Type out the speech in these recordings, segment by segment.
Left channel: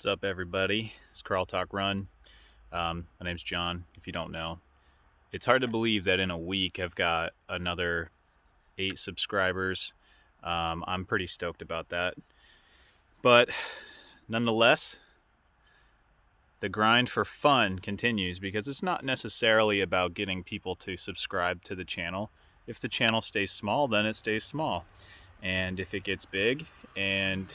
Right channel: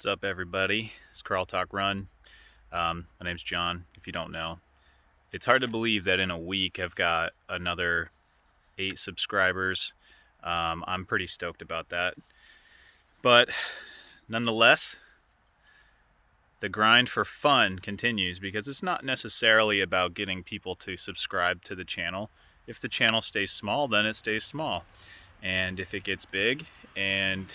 What's up, everybody? It's Crawl Talk Run. My name's John, if you don't know. It's hard to believe that in a week I've got another 8 subscribers. I'm pretty stoked about that. But nonetheless, the grind for fun continues because it's not necessarily about getting people to subscribe to the channel. If the channel stays small, then it stays small. And if it gets big and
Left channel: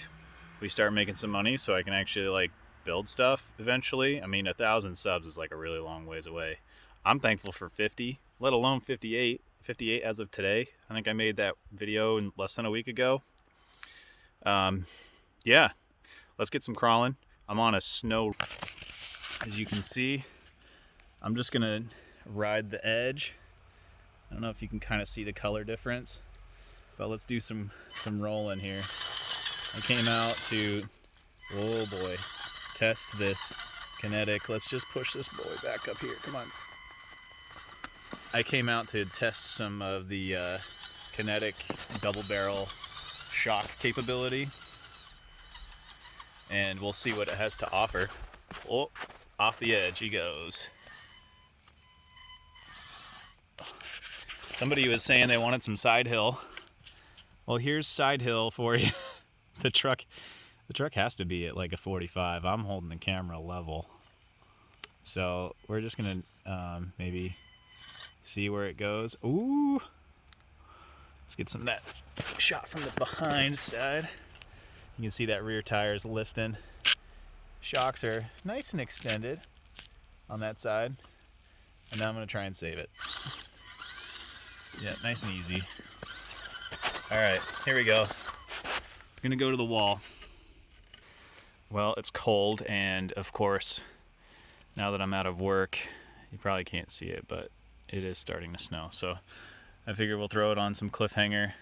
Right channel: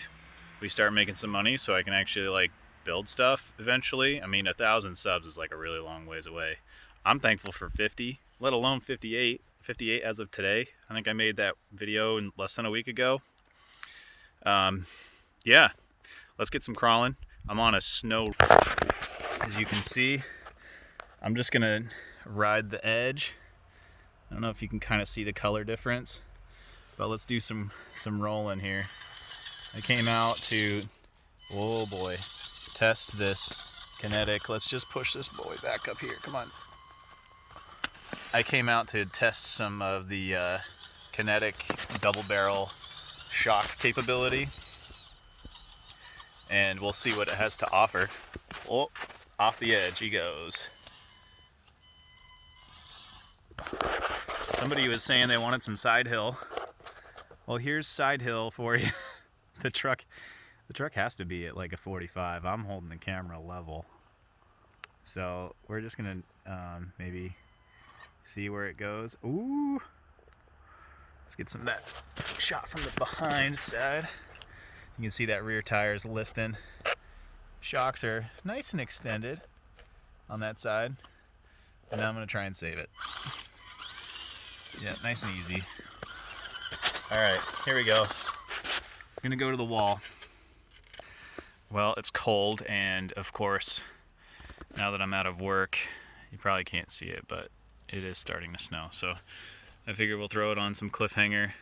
we start making some money so I can actually build stuff eventually. I mean, 1,000 subs is a really long ways away. I'm thankful for 50, let alone 58 as of today. I think I made that video in less than a week ago. Yeah, let's get some crawling. I'm on a snow, as you can see. I'm just gonna ride the edge. I don't know if you can kind of see the color difference, but let's do some rolling here. I came out to, oh boy, test this kinetic. Let's just push this boy back up here. Come on. I came out to test some of the kinetic double barrel shock capability, and we'll see what it has to offer. Oh, off the edge he goes. Somebody was saying they wanted some side hill. Well, here's side hill for you. The truck has to be at a 45. I'm holding the camera level, so we're just gonna maybe see where it goes. Ooh, let's get some of that shot from the behind side. You can see that rear tire is lifting. Shocks are nice and extended on that side, and now I'm gonna try and save it. Yeah, nice and easy. All right, here we go. I'm gonna go to the wall. Well, it's cold, and of course, now that I'm out of work, you probably can't see it, but it is starting to snow. So I figure we'll throw it on some cliffhanger,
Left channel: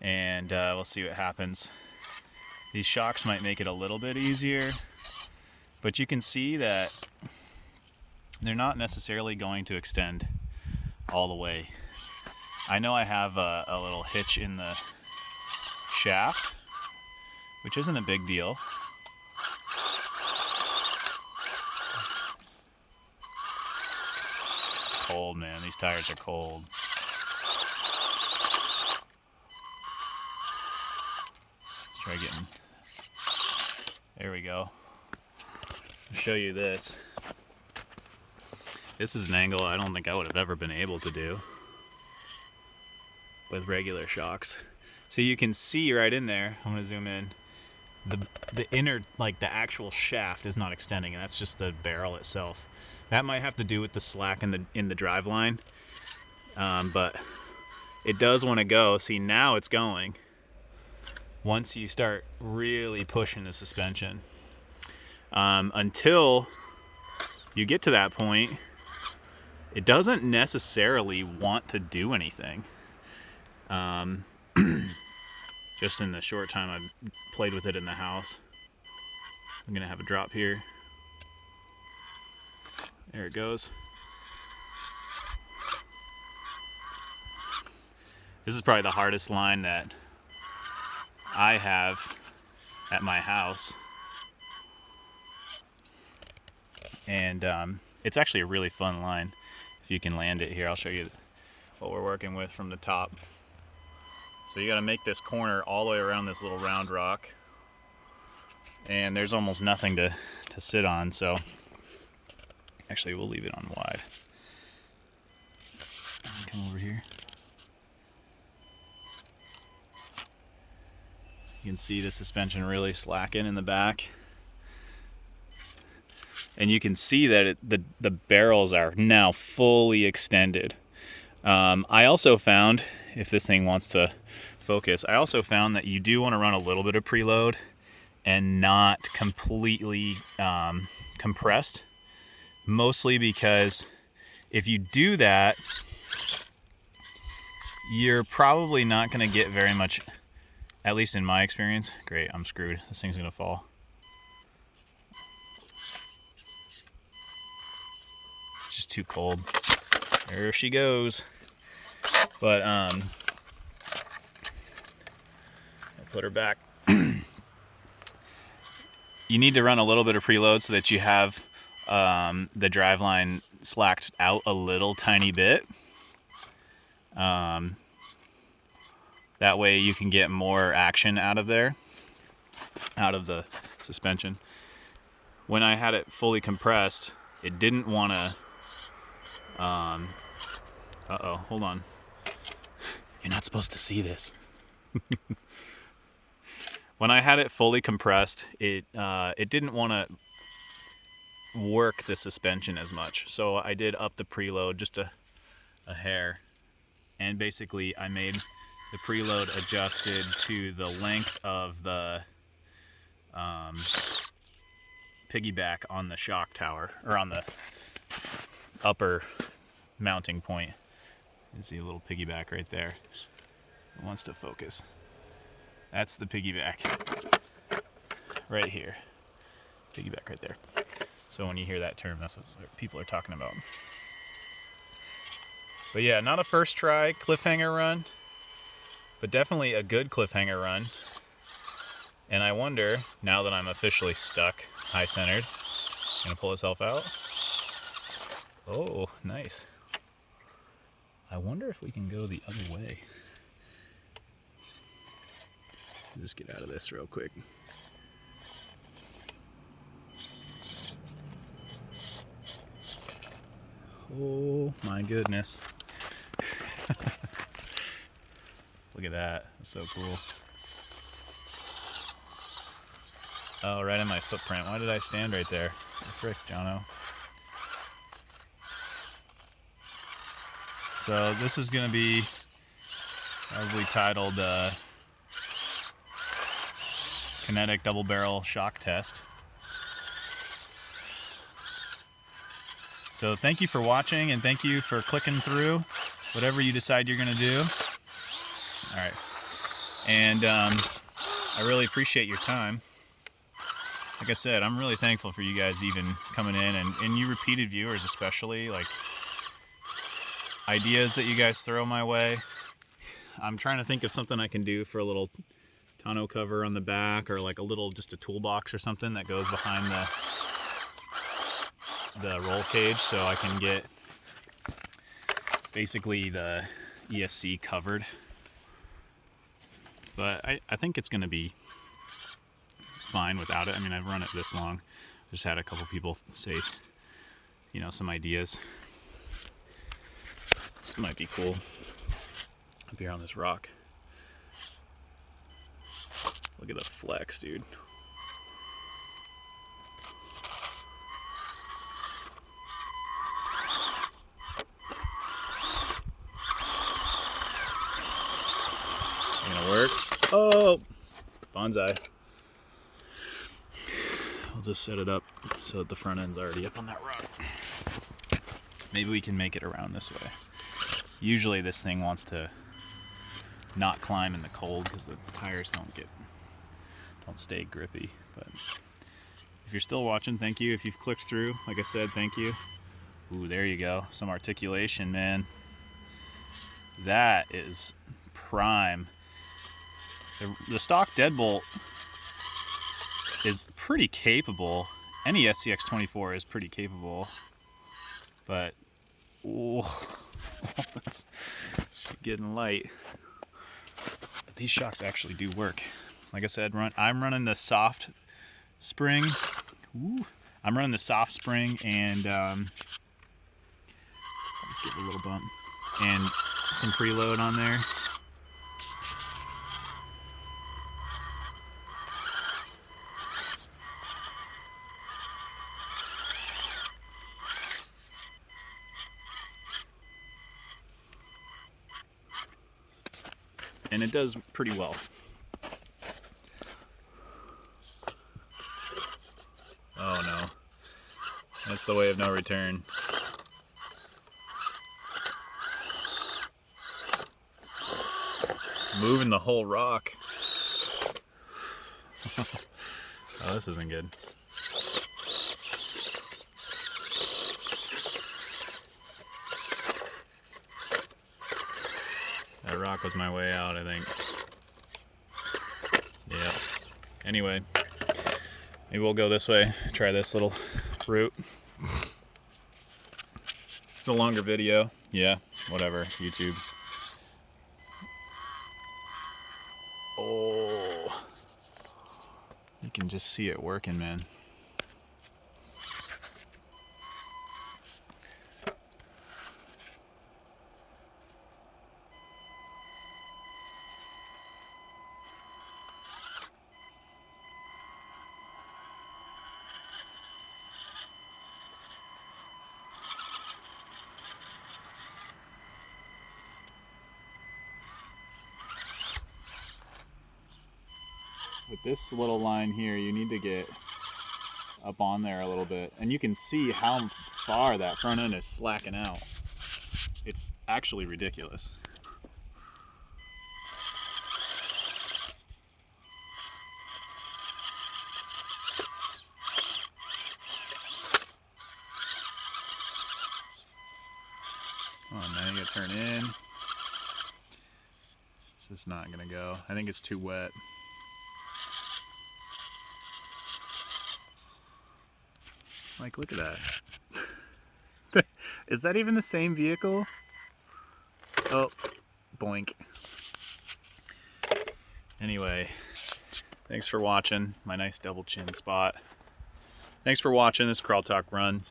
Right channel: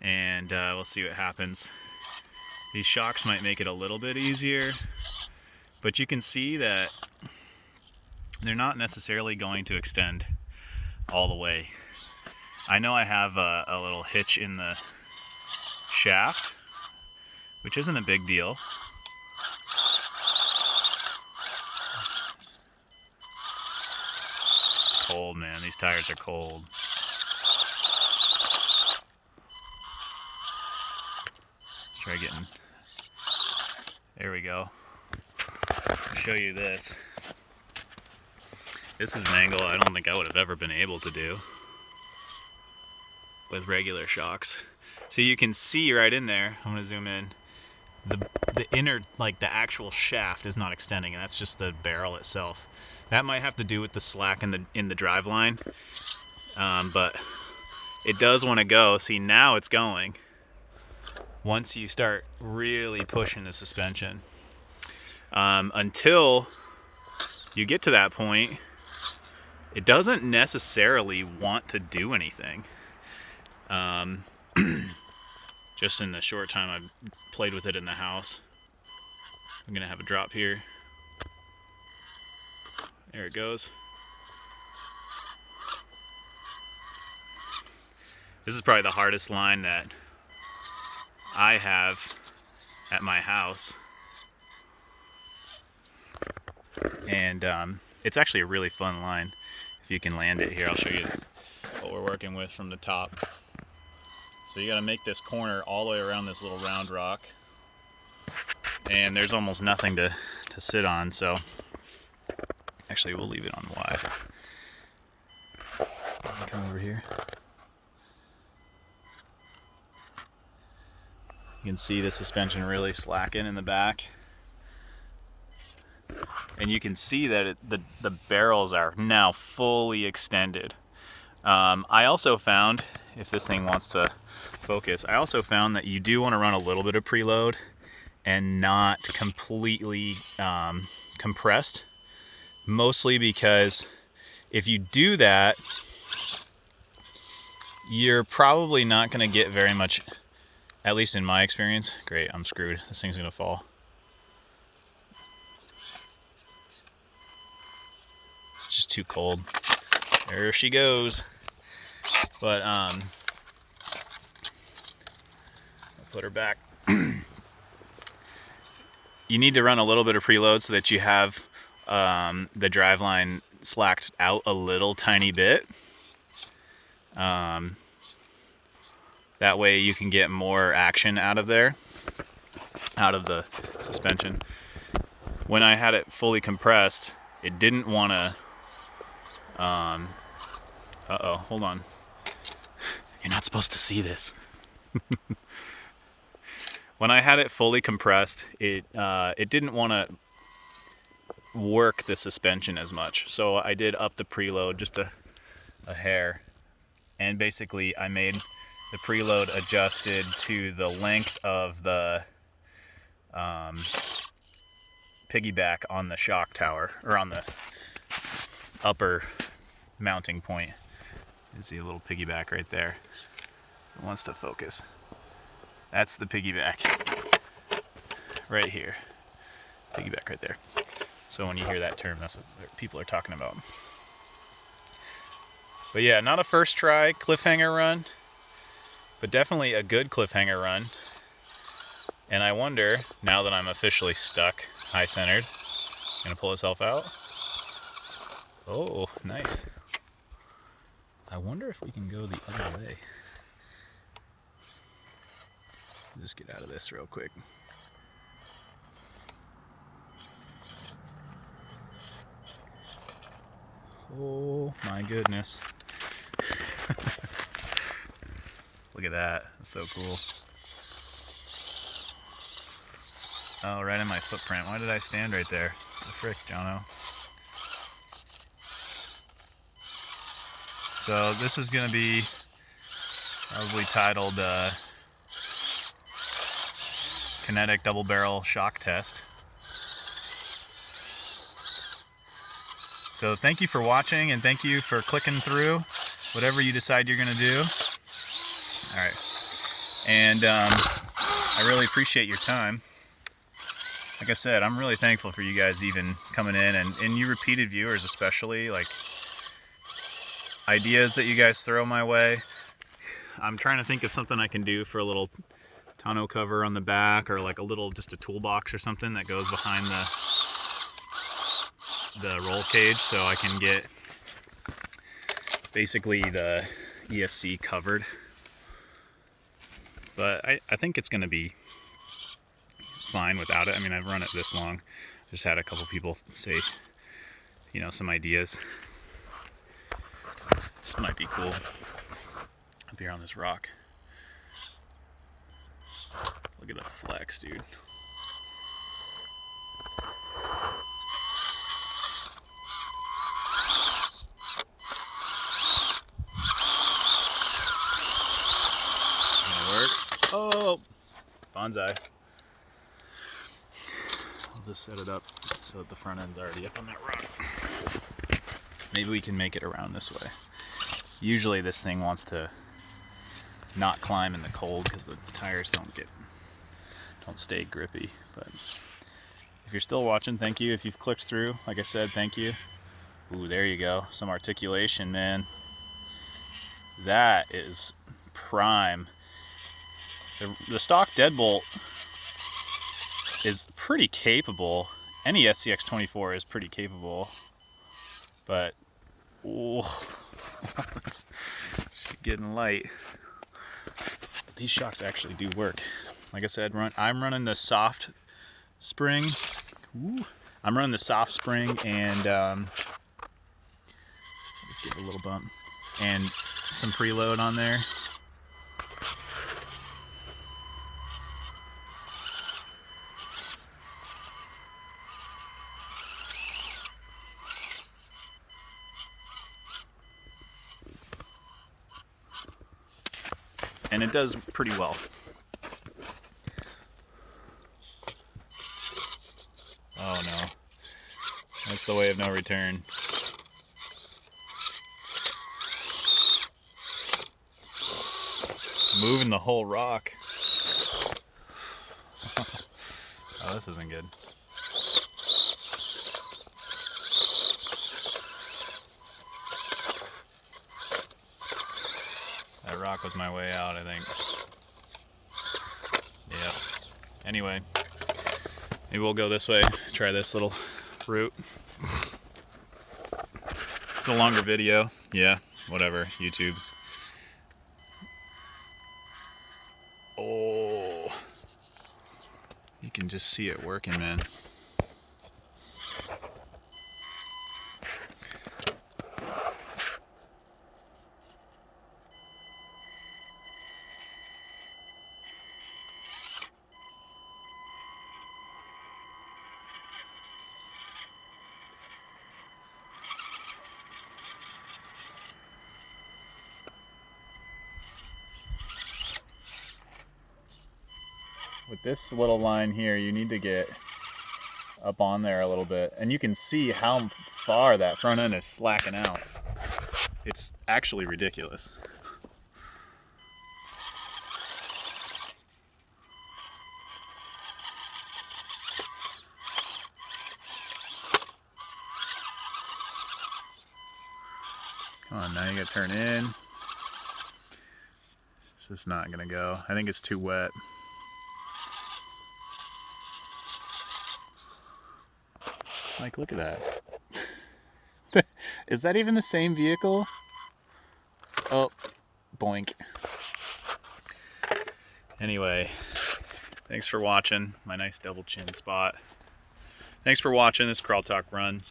and we'll see what happens. These shocks might make it a little bit easier, but you can see that they're not necessarily going to extend all the way. I know I have a little hitch in the shaft, which isn't a big deal. It's cold, man. These tires are cold. Let's try getting... There we go. I'll show you this. This is an angle I don't think I would have ever been able to do with regular shocks. So you can see right in there, I'm gonna zoom in, the inner, the actual shaft is not extending, and that's just the barrel itself. That might have to do with the slack in the drive line, but it does want to go. See, now it's going. Once you start really pushing the suspension, until you get to that point, it doesn't necessarily want to do anything. Just in the short time I've played with it in the house. I'm gonna have a drop here. There it goes. This is probably the hardest line that I have at my house. And it's actually a really fun line. If you can land it here, I'll show you what we're working with from the top. So you gotta make this corner all the way around this little round rock. And there's almost nothing to sit on, so actually we'll leave it on wide. Come over here. You can see the suspension really slacking in the back. And you can see that the barrels are now fully extended. I also found, if this thing wants to focus, I also found that you do want to run a little bit of preload and not completely compressed. Mostly because if you do that, you're probably not going to get very much, at least in my experience. Great, I'm screwed. This thing's going to fall. It's just too cold. There she goes. But I'll put her back. you need to run a little bit of preload so that you have the driveline slacked out a little tiny bit. That way you can get more action out of there, out of the suspension. When I had it fully compressed, it didn't want to, uh-oh, hold on. You're not supposed to see this. When I had it fully compressed, it didn't want to work the suspension as much. So I did up the preload just a hair. And basically I made the preload adjusted to the length of the piggyback on the shock tower, or on the upper mounting point. You see a little piggyback right there. It wants to focus. That's the piggyback right here. Piggyback right there. So when you hear that term, that's what people are talking about. But yeah, not a first try cliffhanger run, but definitely a good cliffhanger run. And I wonder, now that I'm officially stuck, high centered, gonna pull itself out. Oh, nice. I wonder if we can go the other way. Just get out of this real quick. Oh my goodness. Look at that. That's so cool. Oh, right in my footprint. Why did I stand right there? The frick, Jono. So this is going to be probably titled Kinetic Double Barrel Shock Test. So thank you for watching, and thank you for clicking through whatever you decide you're going to do. All right. And I really appreciate your time. Like I said, I'm really thankful for you guys even coming in, and you repeated viewers especially, like ideas that you guys throw my way. I'm trying to think of something I can do for a little tonneau cover on the back, or like a little, just a toolbox or something that goes behind the roll cage, so I can get basically the ESC covered. But I think it's going to be fine without it. I mean, I've run it this long. Just had a couple people say, you know, some ideas. This might be cool up here on this rock. Look at the flex, dude. Gonna work. Oh, bonsai. I'll just set it up so that the front end's already up on that rock. Maybe we can make it around this way. Usually this thing wants to not climb in the cold because the tires don't stay grippy. But if you're still watching, thank you. If you've clicked through, like I said, thank you. Ooh, there you go. Some articulation, man. That is prime. The stock deadbolt is pretty capable. Any SCX24 is pretty capable. But, ooh, it's getting light. But these shocks actually do work. Like I said, I'm running the soft spring. Ooh, I'm running the soft spring, and I'll just give it a little bump. And some preload on there. And it does pretty well. Oh no. That's the way of no return. Moving the whole rock. Oh, this isn't good. That rock was my way out, I think. Yeah. Anyway, Maybe we'll go this way, try this little route. It's a longer video. Yeah, whatever, YouTube. Oh, you can just see it working, man. With this little line here, you need to get up on there a little bit, and you can see how far that front end is slacking out. It's actually ridiculous. Come on, now you gotta turn in. This is not gonna go. I think it's too wet. Like, look at that. Is that even the same vehicle? Oh, boink. Anyway, thanks for watching my nice double chin spot. Thanks for watching this Crawl Talk Run.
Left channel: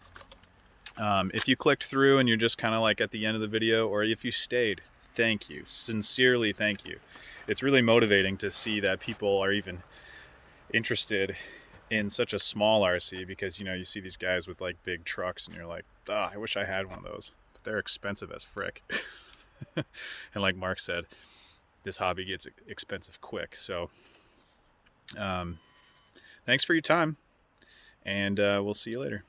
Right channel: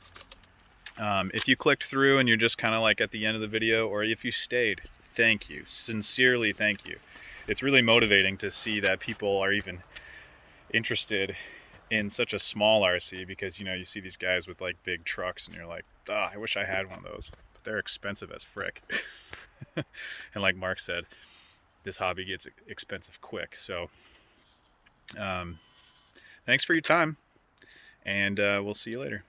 If you clicked through and you're just kind of like at the end of the video, or if you stayed, thank you. Sincerely, thank you. It's really motivating to see that people are even interested in such a small RC, because you know, you see these guys with like big trucks and you're like, oh, I wish I had one of those, but they're expensive as frick. And like Mark said, this hobby gets expensive quick. So thanks for your time, and we'll see you later.